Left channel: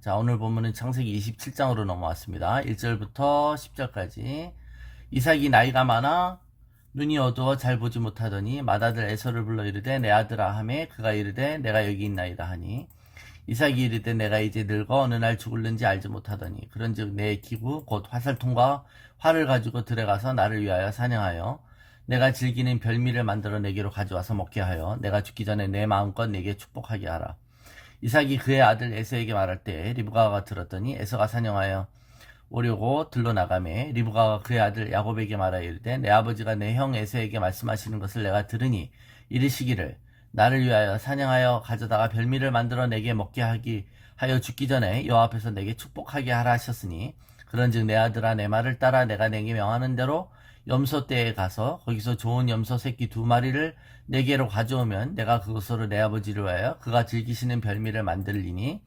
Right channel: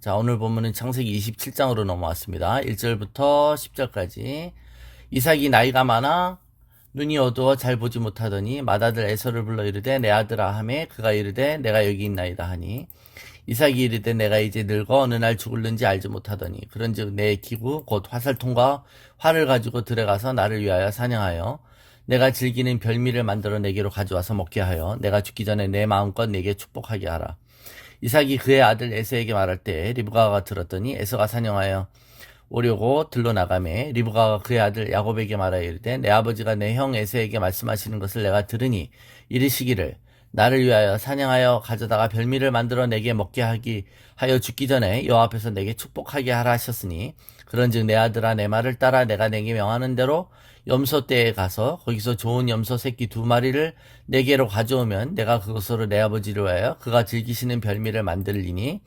자, 오늘 본문은 창세기 27장으로 넘어왔습니다. 1절부터 10절까지. 이삭이 나이가 많아 눈이 어두워 잘 보지 못하더니 맏아들 에서를 불러 이르되 내 아들아 하매 그가 이르되 내가 여기 있나이다 하니 이삭이 이르되 내가 이제 늙어 어느 날 죽을는지 알지 못하더니 그런즉 내 기구 곧 화살통과 활을 가지고 들어가서 나를 위하여 사냥하여 내가 즐기는 별미를 만들어 내게로 가져와서 먹게 하여 내가 죽기 전에 내 마음껏 내게 축복하게 하라. 이삭이 그의 아들 에서에게 말할 때 리브가가 들었더니 에서가 사냥하여 오려고 들러 나가매 리브가가 그의 아들 야곱에게 말하여 이르되 내 아버지가 내 형 에서에게 말씀하시는 것을 내가 들으니 이르시기를 나를 위하여 사냥하여 가져다가 별미를 만들어 내게 먹게 하기 하여 죽기 전에 여호와 앞에서 내게 축복하게 하라 하셨으니 그런즉 내 아들아 내 말을 따라 내가 내게 명하는 대로 염소 떼에 가서 거기서 좋은 염소 새끼 2마리를 내게로 가져오면 내가 그것으로 내 아버지를 위하여 그가 즐기시는 별미를 만들리니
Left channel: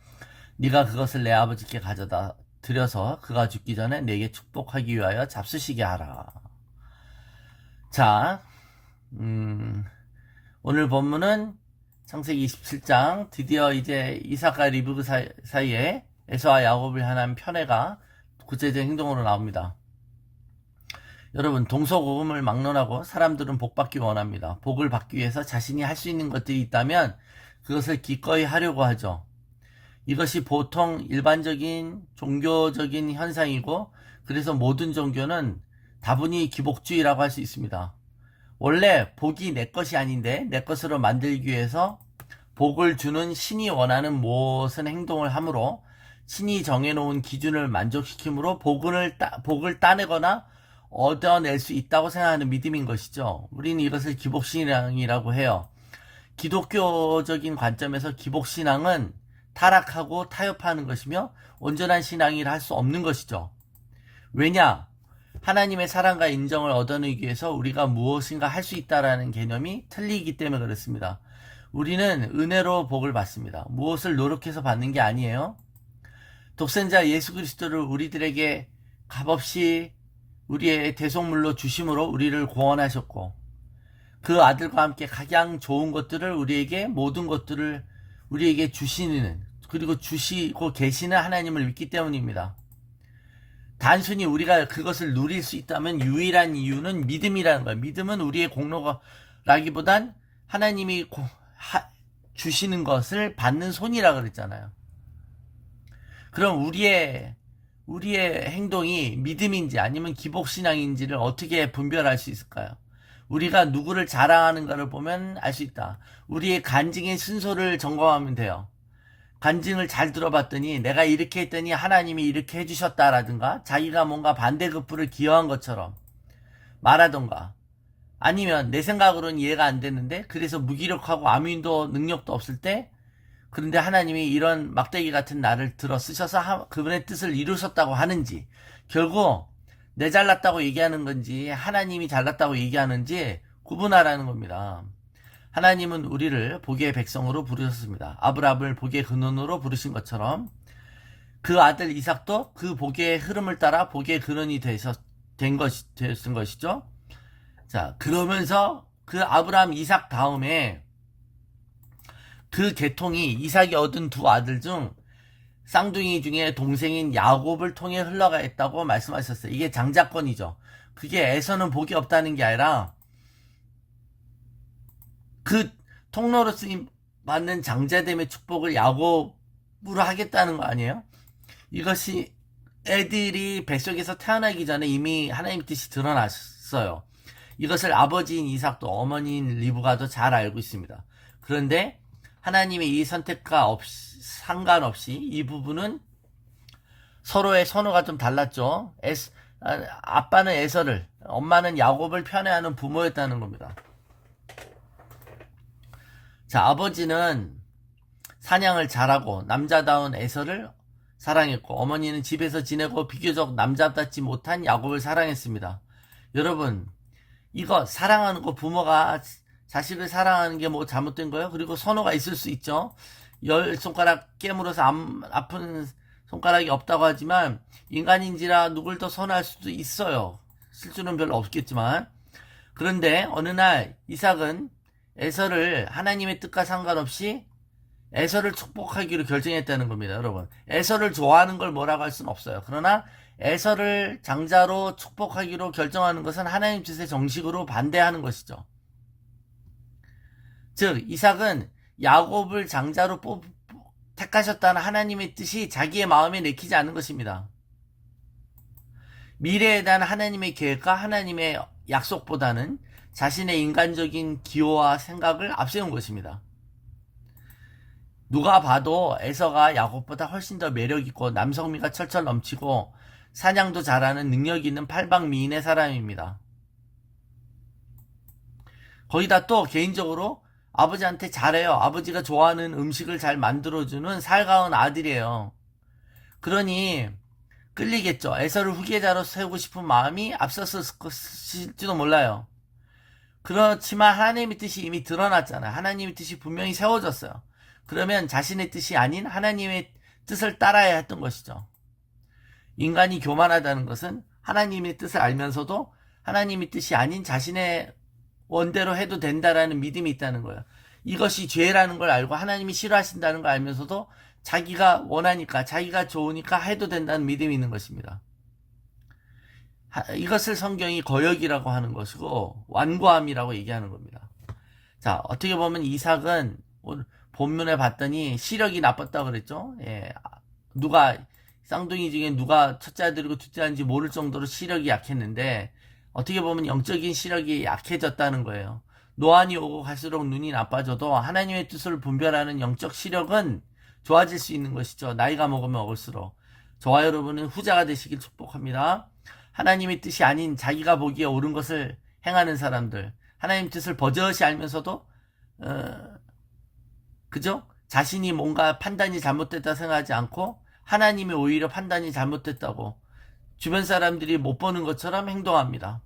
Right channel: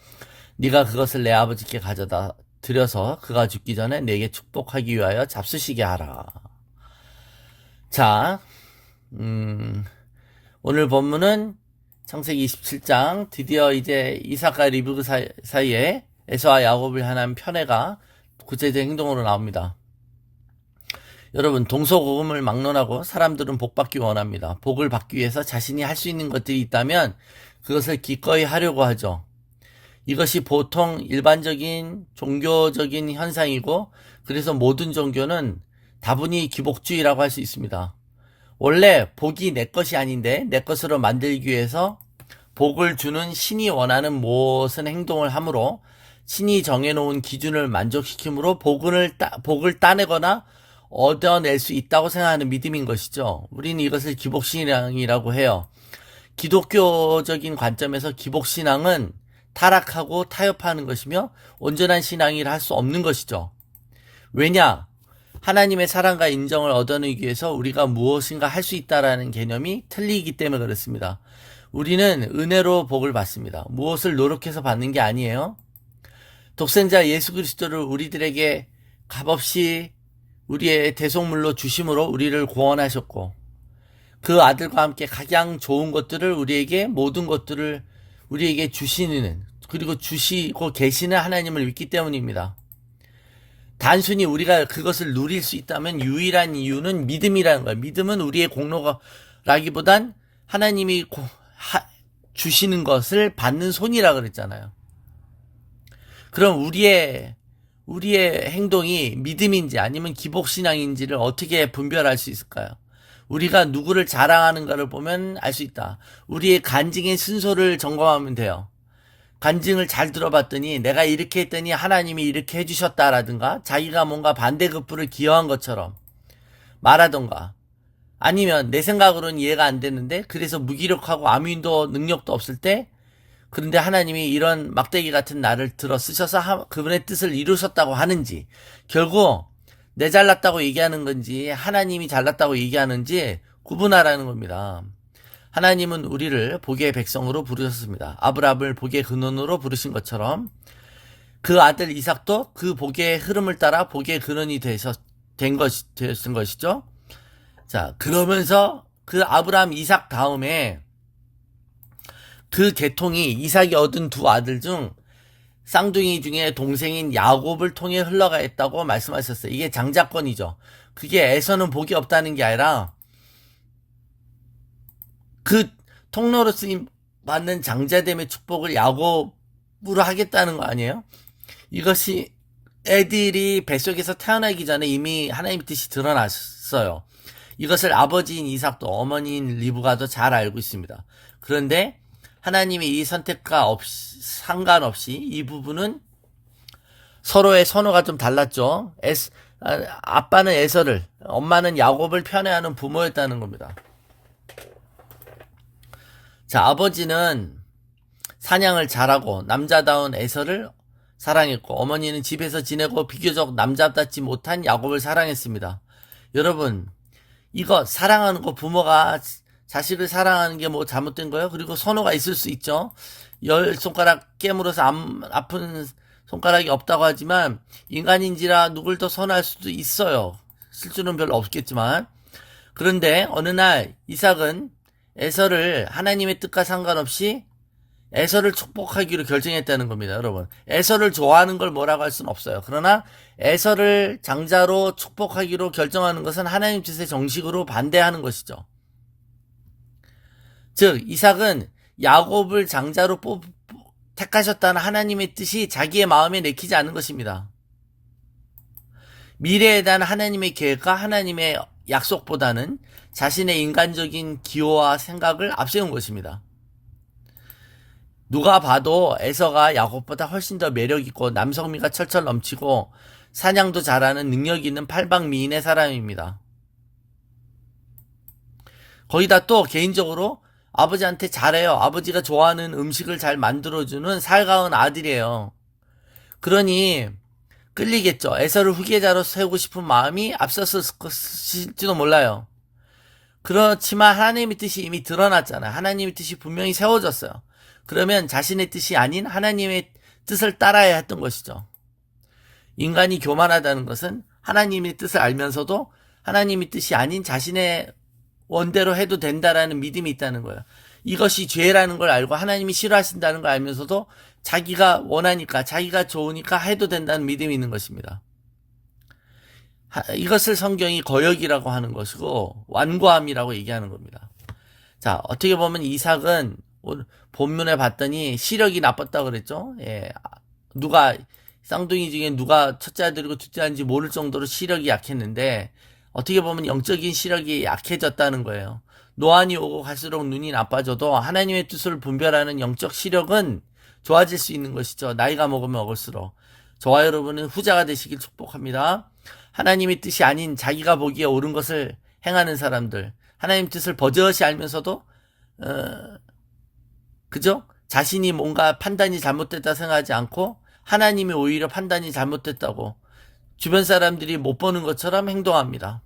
네가 그것을 내 아버지께 가져다 드려서 그가 죽기 전에 내게 축복하기 위하여 잡수시게 하라. 자, 오늘 본문은 창세기 27장 드디어 이제 이삭과 리브가 사이에 에서와 야곱을 향한 편애가 구체적인 행동으로 나옵니다. 여러분, 동서고금을 막론하고 사람들은 복받기 원합니다. 복을 받기 위해서 자신이 할 수 있는 것들이 있다면 그것을 기꺼이 하려고 하죠. 이것이 보통 일반적인 종교적인 현상이고 그래서 모든 종교는 다분히 기복주의라고 할 수 있습니다. 원래 복이 내 것이 아닌데 내 것으로 만들기 위해서 복을 주는 신이 원하는 무엇은 행동을 하므로 신이 정해놓은 기준을 만족시키므로 복을 따내거나 얻어낼 수 있다고 생각하는 믿음인 것이죠. 우리는 이것을 기복신앙이라고 해요. 기독교적인 관점에서 기복신앙은 타락하고 타협하는 것이며 온전한 신앙이라 할 수 없는 것이죠. 왜냐? 하나님의 사랑과 인정을 얻어내기 위해서 우리가 무엇인가 할 수 있다라는 개념이 틀리기 때문에 그렇습니다. 우리는 은혜로 복을 받습니다. 무엇을 노력해서 받는 게 아니에요. 독생자 예수 그리스도를 우리들에게 값없이 우리의 대속물로 주심으로 우리를 구원하셨고 그 아들과 함께 가장 좋은 것들을 우리에게 모든 것들을 우리에게 주시는 그리고 주시고 계시는 하나님을 믿기 때문입니다. 단순히 우리가 그것을 누릴 수 있다면 유일한 이유는 믿음이라는 거예요. 믿음은 우리의 공로라기보단 하나님이 주시는 것을 받는 손이라 그랬잖아요. 그럼 우리의 행동이 믿음인지 아니면 기복신앙인지를 어떻게 분별할 수 있을까요? 우리가 누구를 자랑하는가를 보면 알 수 있다. 우리의 간증의 순서를 점검하면 돼요. 간증을 잘 들어봤더니 내가 이렇게 했더니 하나님이 이렇게 해주셨다라든가 자기가 뭔가 반대급부를 기여한 것처럼 말하던가 아니면 내 생각으로는 이해가 안 됐는데 그래서 무기력하고 아무 힘도 능력도 없을 때 그런데 하나님이 이런 막대기 같은 나를 들어 쓰셔서 그분의 뜻을 이루셨다고 하는지 결국 내 잘났다고 얘기하는 건지 하나님이 잘났다고 얘기하는지 구분하라는 겁니다. 하나님은 우리를 복의 백성으로 부르셨습니다. 아브라함을 복의 근원으로 부르신 것처럼 그 아들 이삭도 그 복의 흐름을 따라 복의 근원이 되신 것이죠. 자, 그러면서 그 아브라함 이삭 다음에 그 계통이 이삭이 얻은 두 아들 중 쌍둥이 중에 동생인 야곱을 통해 흘러가했다고 말씀하셨어요. 이게 장자권이죠. 그게 에서는 복이 없다는 게 아니라 그 통로로 쓰임 받는 장자됨의 축복을 야곱으로 하겠다는 거 아니에요? 이것이 애들이 뱃속에서 태어나기 전에 이미 하나님의 뜻이 드러났어요. 이것을 아버지인 이삭도 어머니인 리브가도 잘 알고 있습니다. 그런데 하나님의 이 선택과 상관없이 이 부분은 서로의 선호가 좀 달랐죠. 아빠는 에서를, 엄마는 야곱을 편애하는 부모였다는 겁니다. 자, 아버지는 사냥을 잘하고 남자다운 에서를 사랑했고 어머니는 집에서 지내고 비교적 남자답지 못한 야곱을 사랑했습니다. 여러분, 이거 사랑하는 거 부모가 자식을 사랑하는 게 뭐 잘못된 거예요? 그리고 선호가 있을 수 있죠. 10손가락 깨물어서 아픈 손가락이 없다고 하지만 인간인지라 누굴 더 선호할 수도 있어요. 실수는 별로 없겠지만. 그런데 어느 날 이삭은 에서를 하나님의 뜻과 상관없이 에서를 축복하기로 결정했다는 겁니다, 여러분. 에서를 좋아하는 걸 뭐라고 할 수는 없어요. 그러나 에서를 장자로 축복하기로 결정하는 것은 하나님 뜻의 정식으로 반대하는 것이죠. 즉 이삭은 야곱을 장자로 택하셨다는 하나님의 뜻이 자기의 마음에 내키지 않은 것입니다. 미래에 대한 하나님의 계획과 하나님의 약속보다는 자신의 인간적인 기호와 생각을 앞세운 것입니다. 누가 봐도 에서가 야곱보다 훨씬 더 매력있고 남성미가 철철 넘치고 사냥도 잘하는 능력 있는 팔방미인의 사람입니다. 거기다 또 개인적으로 아버지한테 잘해요. 아버지가 좋아하는 음식을 잘 만들어주는 살가운 아들이에요. 그러니 끌리겠죠. 에서를 후계자로 세우고 싶은 마음이 앞섰을지도 몰라요. 그렇지만 하나님의 뜻이 이미 드러났잖아요. 하나님의 뜻이 분명히 세워졌어요. 그러면 자신의 뜻이 아닌 하나님의 뜻을 따라야 했던 것이죠. 인간이 교만하다는 것은 하나님의 뜻을 알면서도 하나님의 뜻이 아닌 자신의 원대로 해도 된다라는 믿음이 있다는 거예요. 이것이 죄라는 걸 알고 하나님이 싫어하신다는 걸 알면서도 자기가 원하니까 자기가 좋으니까 해도 된다는 믿음이 있는 것입니다. 이것을 성경이 거역이라고 하는 것이고 완고함이라고 얘기하는 겁니다. 자, 어떻게 보면 이삭은 본문에 봤더니 시력이 나빴다고 그랬죠. 예, 누가 쌍둥이 중에 누가 첫째 아들이고 둘째 아들인지 모를 정도로 시력이 약했는데 어떻게 보면 영적인 시력이 약해졌다는 거예요. 노안이 오고 갈수록 눈이 나빠져도 하나님의 뜻을 분별하는 영적 시력은 좋아질 수 있는 것이죠. 나이가 먹으면 먹을수록. 저와 여러분은 후자가 되시길 축복합니다. 하나님의 뜻이 아닌 자기가 보기에 옳은 것을 행하는 사람들, 하나님 뜻을 버젓이 알면서도 그죠? 자신이 뭔가 판단이 잘못됐다 생각하지 않고 하나님이 오히려 판단이 잘못됐다고 주변 사람들이 못 보는 것처럼 행동합니다.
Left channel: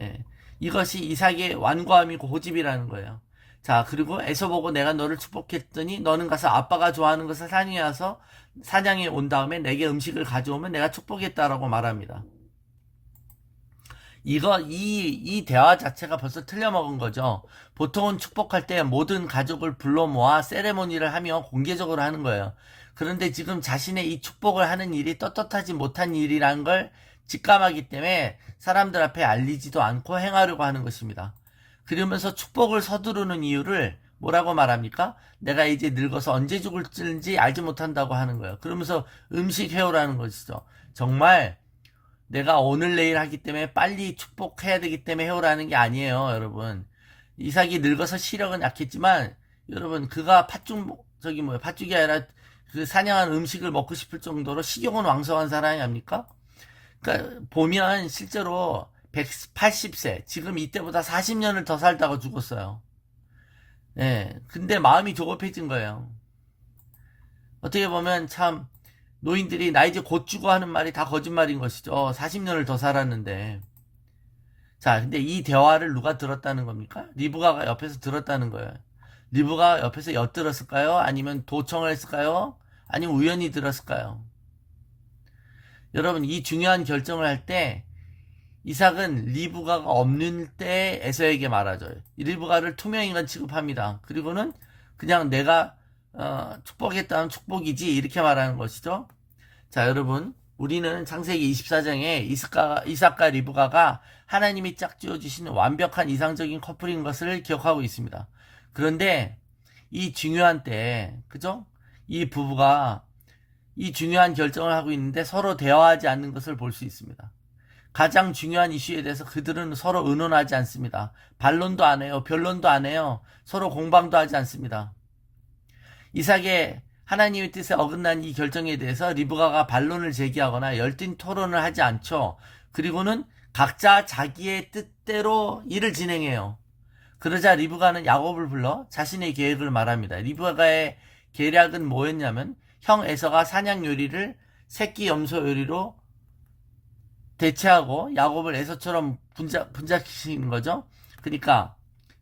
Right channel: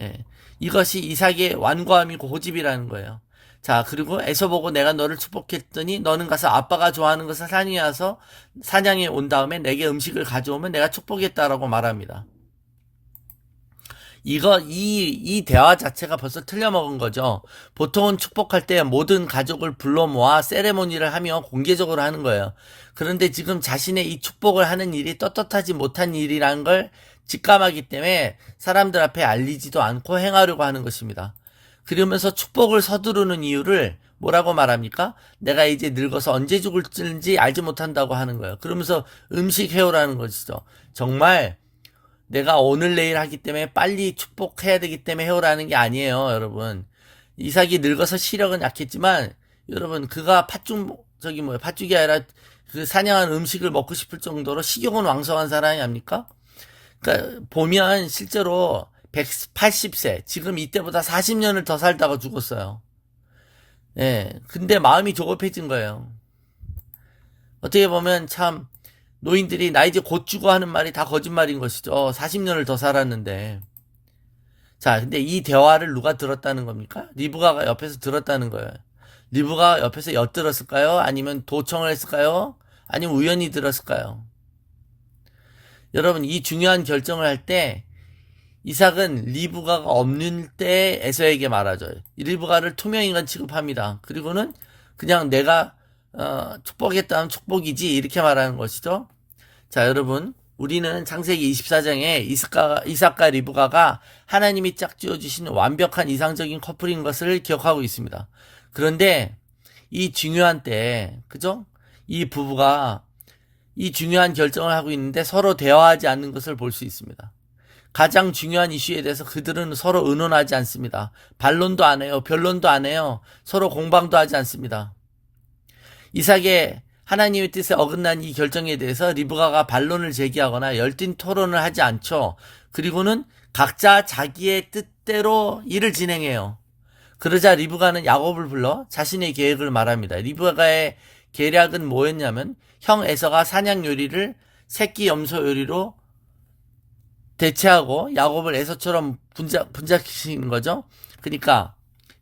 예. 이것이 이삭의 완고함이고 고집이라는 거예요. 자, 그리고 에서 보고 내가 너를 축복했더니 너는 가서 아빠가 좋아하는 것을 사냥해 온 다음에 내게 음식을 가져오면 내가 축복했다라고 말합니다. 이 대화 자체가 벌써 틀려먹은 거죠. 보통은 축복할 때 모든 가족을 불러 모아 세레모니를 하며 공개적으로 하는 거예요. 그런데 지금 자신의 이 축복을 하는 일이 떳떳하지 못한 일이라는 걸 직감하기 때문에 사람들 앞에 알리지도 않고 행하려고 하는 것입니다. 그러면서 축복을 서두르는 이유를 뭐라고 말합니까? 내가 이제 늙어서 언제 죽을지 알지 못한다고 하는 거예요. 그러면서 음식 해오라는 것이죠. 정말 내가 오늘 내일 하기 때문에 빨리 축복해야 되기 때문에 해오라는 게 아니에요, 여러분. 이삭이 늙어서 시력은 약했지만 여러분 그가 팥죽이 아니라 그 사냥한 음식을 먹고 싶을 정도로 식욕은 왕성한 사람이 아닙니까? 그러니까 보면 실제로 180세 지금 이때보다 40년을 더 살다가 죽었어요. 예. 근데 마음이 조급해진 거예요. 어떻게 보면 참 노인들이 나 이제 곧 죽어 하는 말이 다 거짓말인 것이죠. 40년을 더 살았는데. 자, 근데 이 대화를 누가 들었다는 겁니까? 리브가가 옆에서 들었다는 거예요. 리브가 옆에서 엿들었을까요? 아니면 도청을 했을까요? 아니면 우연히 들었을까요? 여러분, 이 중요한 결정을 할 때 이삭은 리브가가 없는 때 에서에게 말하죠. 리브가를 투명인간 취급합니다. 그리고는 그냥 내가 축복했다면 축복이지 이렇게 말하는 것이죠. 자, 여러분, 우리는 창세기 24장에 이삭과 리브가가 하나님이 짝지어 주신 완벽한 이상적인 커플인 것을 기억하고 있습니다. 그런데 이 중요한 때, 그죠? 이 부부가 이 중요한 결정을 하고 있는데 서로 대화하지 않는 것을 볼 수 있습니다. 가장 중요한 이슈에 대해서 그들은 서로 의논하지 않습니다. 반론도 안 해요. 변론도 안 해요. 서로 공방도 하지 않습니다. 이삭의 하나님의 뜻에 어긋난 이 결정에 대해서 리브가가 반론을 제기하거나 열띤 토론을 하지 않죠. 그리고는 각자 자기의 뜻대로 일을 진행해요. 그러자 리브가는 야곱을 불러 자신의 계획을 말합니다. 리브가의 계략은 뭐였냐면 형 에서가 사냥 요리를 새끼 염소 요리로 대체하고 야곱을 에서처럼 분장시키는 거죠. 그러니까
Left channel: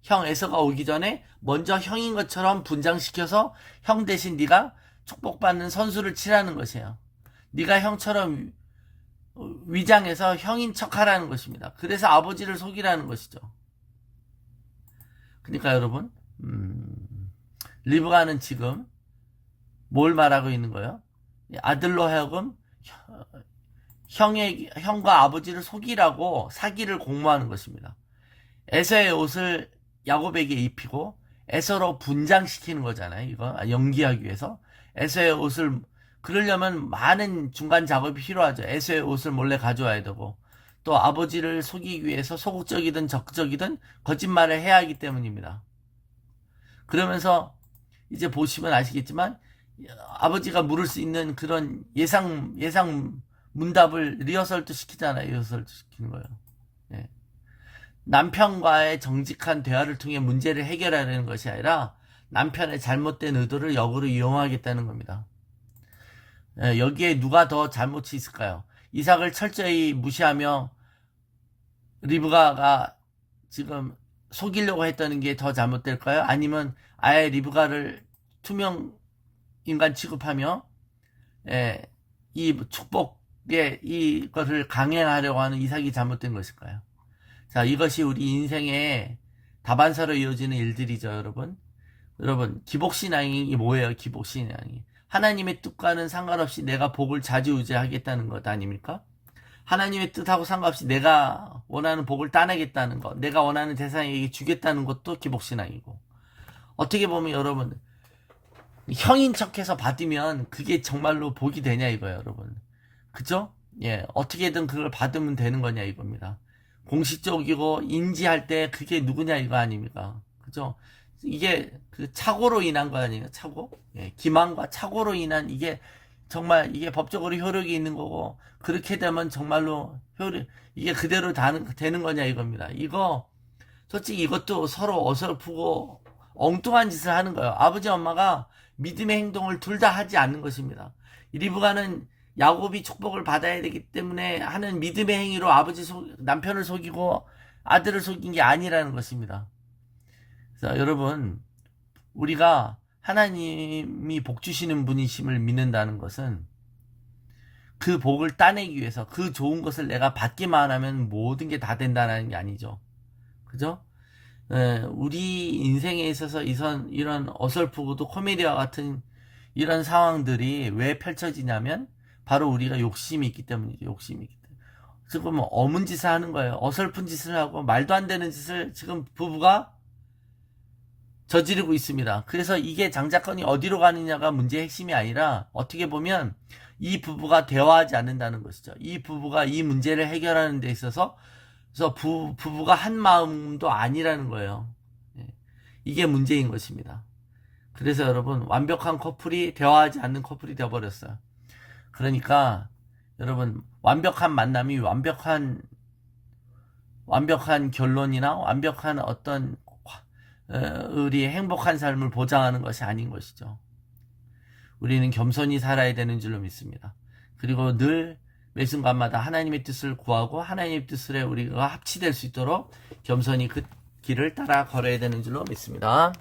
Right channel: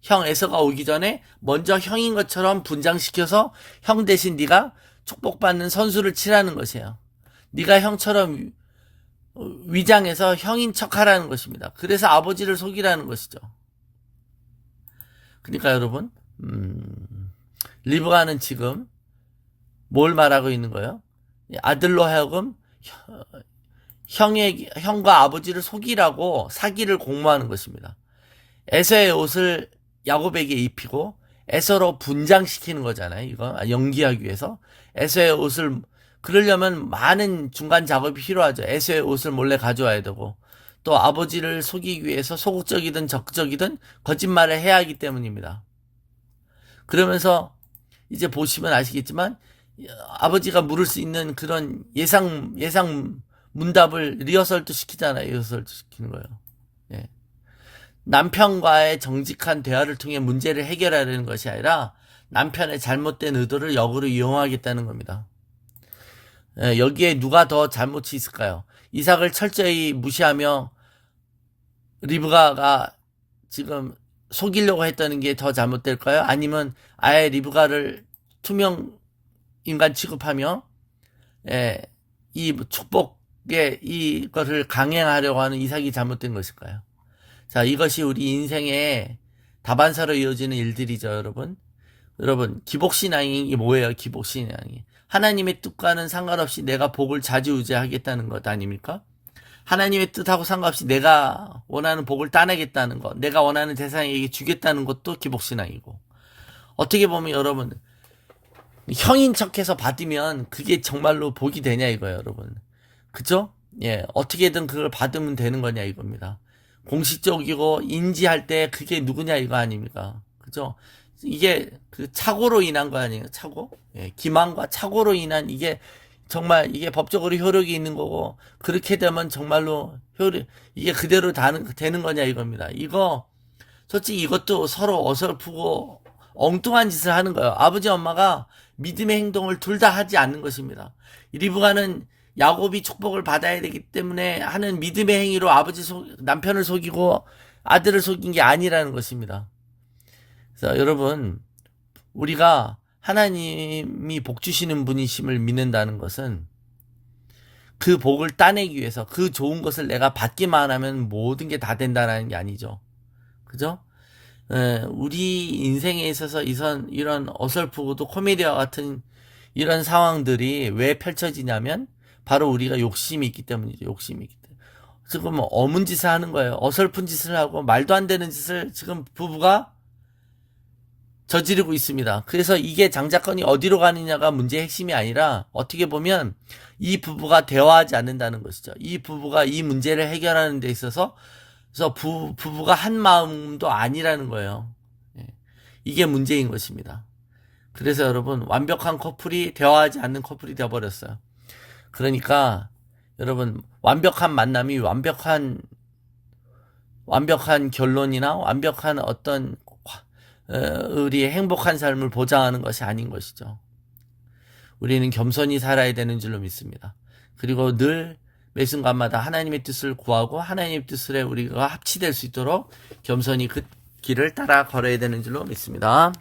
형 에서가 오기 전에 먼저 형인 것처럼 분장시켜서 형 대신 네가 축복받는 선수를 치라는 것이에요. 네가 형처럼 위장해서 형인 척하라는 것입니다. 그래서 아버지를 속이라는 것이죠. 그러니까 여러분 리브가는 지금 뭘 말하고 있는 거예요? 아들로 하여금 형과 아버지를 속이라고 사기를 공모하는 것입니다. 에서의 옷을 야곱에게 입히고 에서로 분장시키는 거잖아요. 이거 연기하기 위해서 에서의 옷을 그러려면 많은 중간 작업이 필요하죠. 에서의 옷을 몰래 가져와야 되고 또 아버지를 속이기 위해서 소극적이든 적극적이든 거짓말을 해야 하기 때문입니다. 그러면서 이제 보시면 아시겠지만 아버지가 물을 수 있는 그런 예상 문답을 리허설도 시키잖아요. 리허설도 시키는 거예요. 예. 남편과의 정직한 대화를 통해 문제를 해결하려는 것이 아니라 남편의 잘못된 의도를 역으로 이용하겠다는 겁니다. 예, 여기에 누가 더 잘못이 있을까요? 이삭을 철저히 무시하며 리브가가 지금 속이려고 했다는 게 더 잘못될까요? 아니면 아예 리브가를 투명 인간 취급하며 예, 이 축복의 이것을 강행하려고 하는 이삭이 잘못된 것일까요? 자, 이것이 우리 인생의 다반사로 이어지는 일들이죠, 여러분. 여러분, 기복신앙이 뭐예요, 기복신앙이? 하나님의 뜻과는 상관없이 내가 복을 좌지우지하겠다는 것 아닙니까? 하나님의 뜻하고 상관없이 내가 원하는 복을 따내겠다는 것, 내가 원하는 대상에게 주겠다는 것도 기복신앙이고. 어떻게 보면 여러분, 형인 척해서 받으면 그게 정말로 복이 되냐 이거예요, 여러분. 그죠? 예, 어떻게든 그걸 받으면 되는 거냐 이겁니다. 공식적이고 인지할 때 그게 누구냐 이거 아닙니까? 그죠? 이게 그 착오로 인한 거 아니에요? 착오? 예, 기만과 착오로 인한 이게 정말 이게 법적으로 효력이 있는 거고 그렇게 되면 정말로 이게 그대로 되는 거냐 이겁니다. 이거 솔직히 이것도 서로 어설프고 엉뚱한 짓을 하는 거예요. 아버지 엄마가 믿음의 행동을 둘 다 하지 않는 것입니다. 리브가는 야곱이 축복을 받아야 되기 때문에 하는 믿음의 행위로 남편을 속이고 아들을 속인 게 아니라는 것입니다. 그래서 여러분, 우리가 하나님이 복 주시는 분이심을 믿는다는 것은 그 복을 따내기 위해서 그 좋은 것을 내가 받기만 하면 모든 게 다 된다는 게 아니죠. 그죠? 우리 인생에 있어서 이런 어설프고도 코미디와 같은 이런 상황들이 왜 펼쳐지냐면 바로 우리가 욕심이 있기 때문이죠. 욕심이 있기 때문에. 지금 어문 짓을 하는 거예요. 어설픈 짓을 하고 말도 안 되는 짓을 지금 부부가 저지르고 있습니다. 그래서 이게 장자권이 어디로 가느냐가 문제의 핵심이 아니라 어떻게 보면 이 부부가 대화하지 않는다는 것이죠. 이 부부가 이 문제를 해결하는 데 있어서 그래서 부부가 한 마음도 아니라는 거예요. 예. 이게 문제인 것입니다. 그래서 여러분 완벽한 커플이 대화하지 않는 커플이 되어버렸어요. 그러니까 여러분 완벽한 만남이 완벽한 결론이나 완벽한 어떤 우리의 행복한 삶을 보장하는 것이 아닌 것이죠. 우리는 겸손히 살아야 되는 줄로 믿습니다. 그리고 늘 매 순간마다 하나님의 뜻을 구하고 하나님의 뜻에 우리가 합치될 수 있도록 겸손히 그 길을 따라 걸어야 되는 줄로 믿습니다.